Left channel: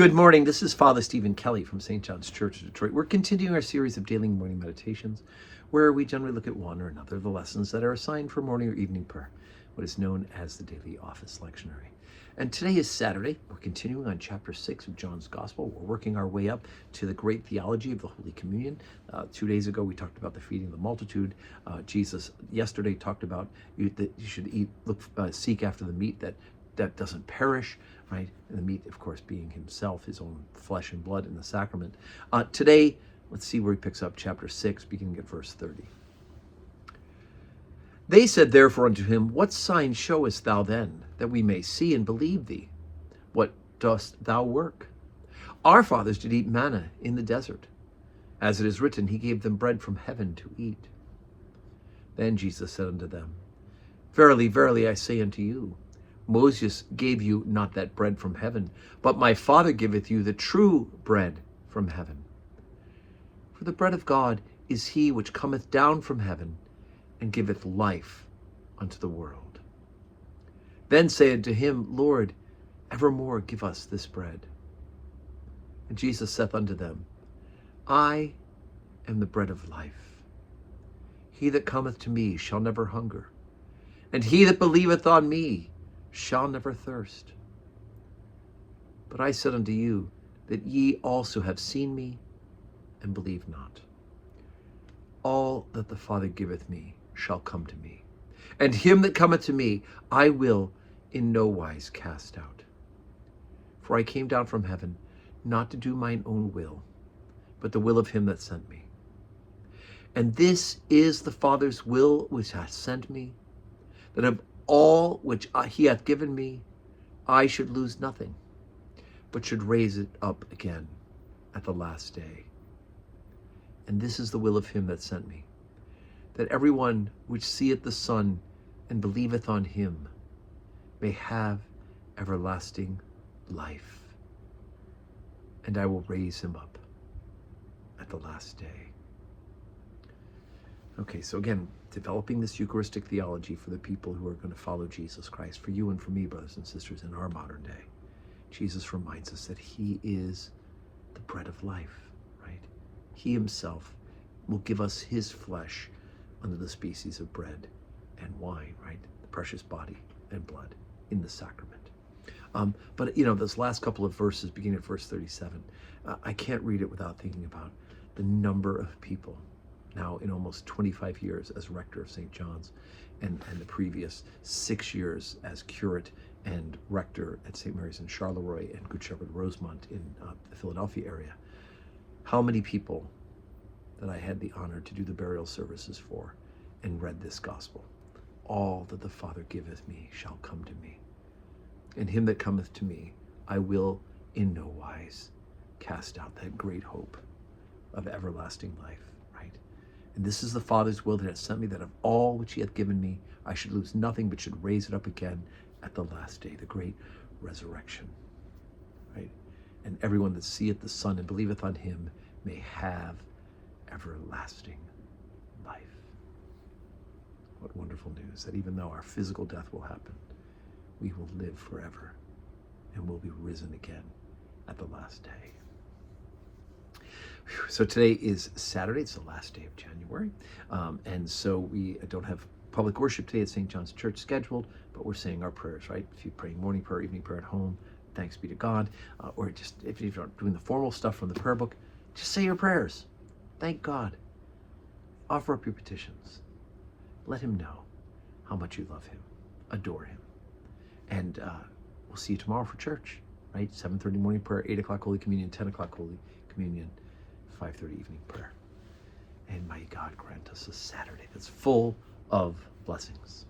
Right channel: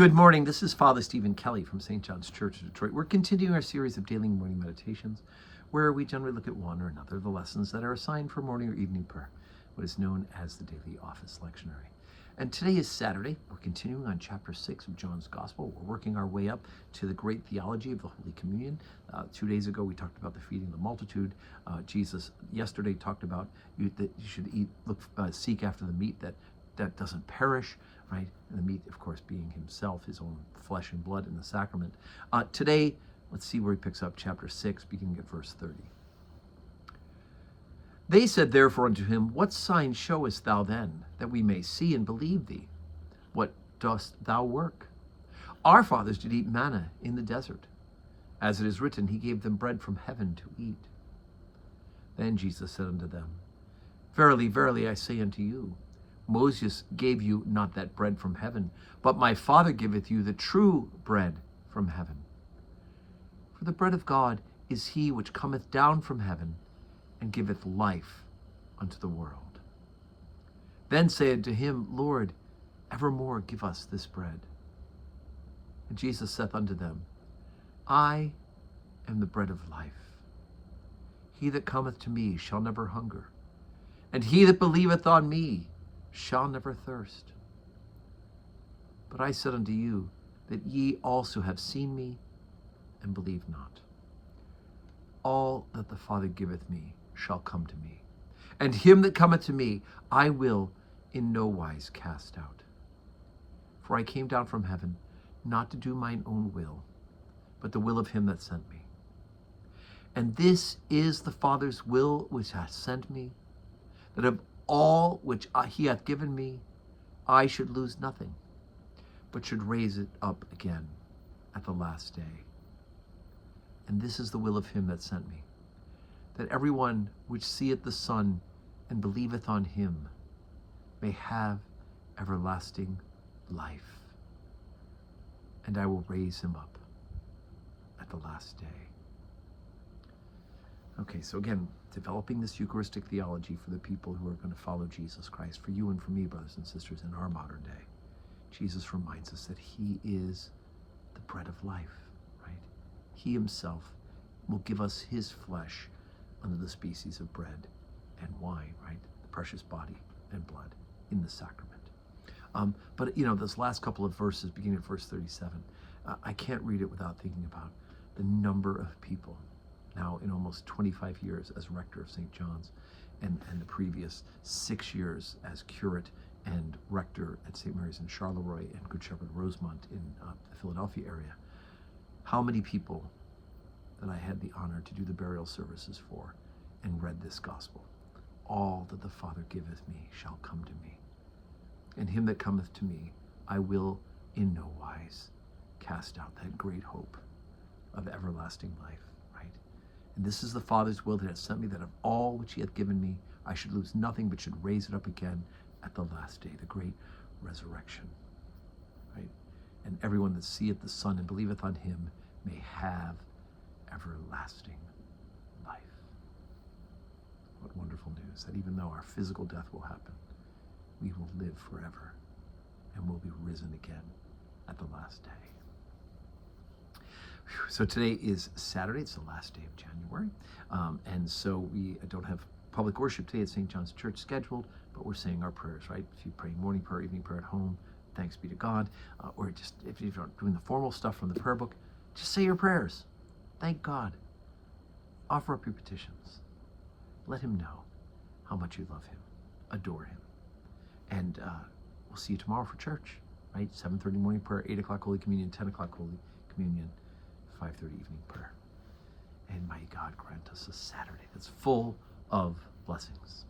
Good morning. This is Father Stephen Kelly from St. John's Church of Detroit. We're continuing our series of daily morning meditations where we generally look at one or another of the lessons that are assigned for morning or evening prayer, what is known as the daily office lectionary. And today is Saturday. We're continuing on chapter 6 of John's Gospel. We're working our way up to the great theology of the Holy Communion. 2 days ago, we talked about the feeding of the multitude. Jesus yesterday talked about that you should seek after the meat that doesn't perish, right? And the meat, of course, being himself, his own flesh and blood in the sacrament. Today, let's see where he picks up chapter 6, beginning at verse 30. They said therefore unto him, What sign showest thou then, that we may see and believe thee? What dost thou work? Our fathers did eat manna in the desert. As it is written, he gave them bread from heaven to eat. Then Jesus said unto them, Verily, verily, I say unto you, Moses gave you not that bread from heaven, but my Father giveth you the true bread from heaven. For the bread of God is he which cometh down from heaven, and giveth life unto the world. Then said to him, Lord, evermore give us this bread. And Jesus saith unto them, I am the bread of life. He that cometh to me shall never hunger, and he that believeth on me shall never thirst. But I said unto you, that ye also have seen me, and believe not. All that the Father giveth me shall come to me, and him that cometh to me I will in no wise cast out. For I came down from heaven, not to do mine own will, but the will of him that sent me. And this is the Father's will which hath sent me, that of all which he hath given me, I should lose nothing, but should raise it up again at the last day. And this is the will of him that sent me, that every one which seeth the Son and believeth on him may have everlasting life. And I will raise him up at the last day. Okay, so again, developing this Eucharistic theology for the people who are going to follow Jesus Christ, for you and for me, brothers and sisters, in our modern day. Jesus reminds us that he is the bread of life, right? He himself will give us his flesh under the species of bread and wine, right? The precious body and blood in the sacrament. But those last couple of verses, beginning at verse 37, I can't read it without thinking about the number of people now in almost 25 years as rector of St. John's and the previous 6 years as curate and rector at St. Mary's in Charleroi and Good Shepherd Rosemont in the Philadelphia area. How many people that I had the honor to do the burial services for and read this gospel. All that the Father giveth me shall come to me, and him that cometh to me I will in no wise cast out. That great hope of everlasting life, right? And this is the Father's will that hath sent me, that of all which he hath given me I should lose nothing, but should raise it up again at the last day, the great resurrection, right? And everyone that seeth the Son and believeth on him may have everlasting life. What wonderful news, that even though our physical death will happen, we will live forever and will be risen again at the last day. So today is Saturday. It's the last day of January. And so we don't have public worship today at St. John's Church scheduled, but we're saying our prayers, right? If you're praying morning prayer, evening prayer at home, thanks be to God. Or just if you're doing the formal stuff from the prayer book, just say your prayers. Thank God. Offer up your petitions. Let him know how much you love him. Adore him. And we'll see you tomorrow for church, right? 7:30 morning prayer, 8 o'clock Holy Communion, 10 o'clock Holy Communion, 5:30 evening prayer. And may God grant us a Saturday that's full of blessings.